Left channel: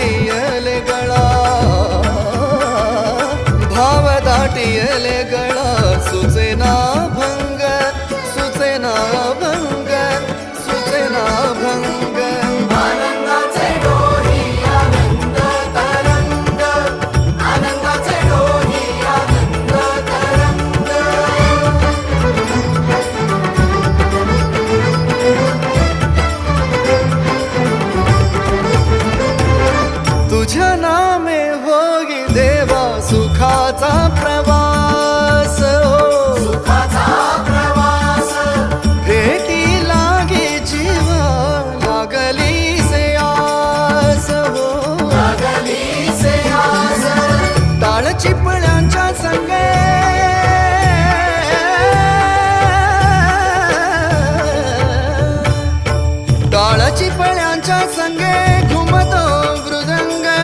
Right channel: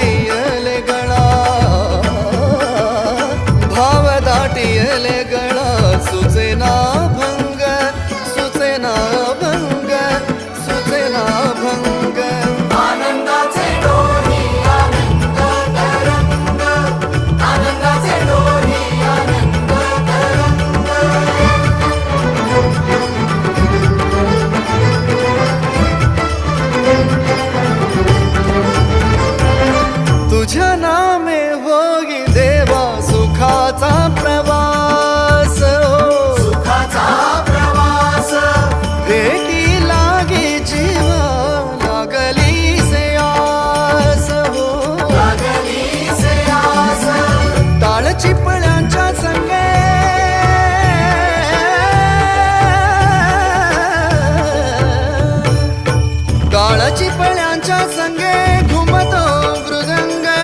दाटियले गळा, भाव दाटियले गळा, सुचेना भंग, सुचेना भंग, सुचेना भंग. आनंदाचे डोही आनंद तरंग, आनंदाचे डोही आनंद तरंग. तुझ्या नामे होई देवा सुखाचा प्रवास हो, सुखाचा प्रवास भेटी लागे जीवा लागली से आस हो. लागली से आस, टाळ चिपळ्यांच्या संगे टाळ चिपळ्यांच्या संगे घुमतो मृदंग,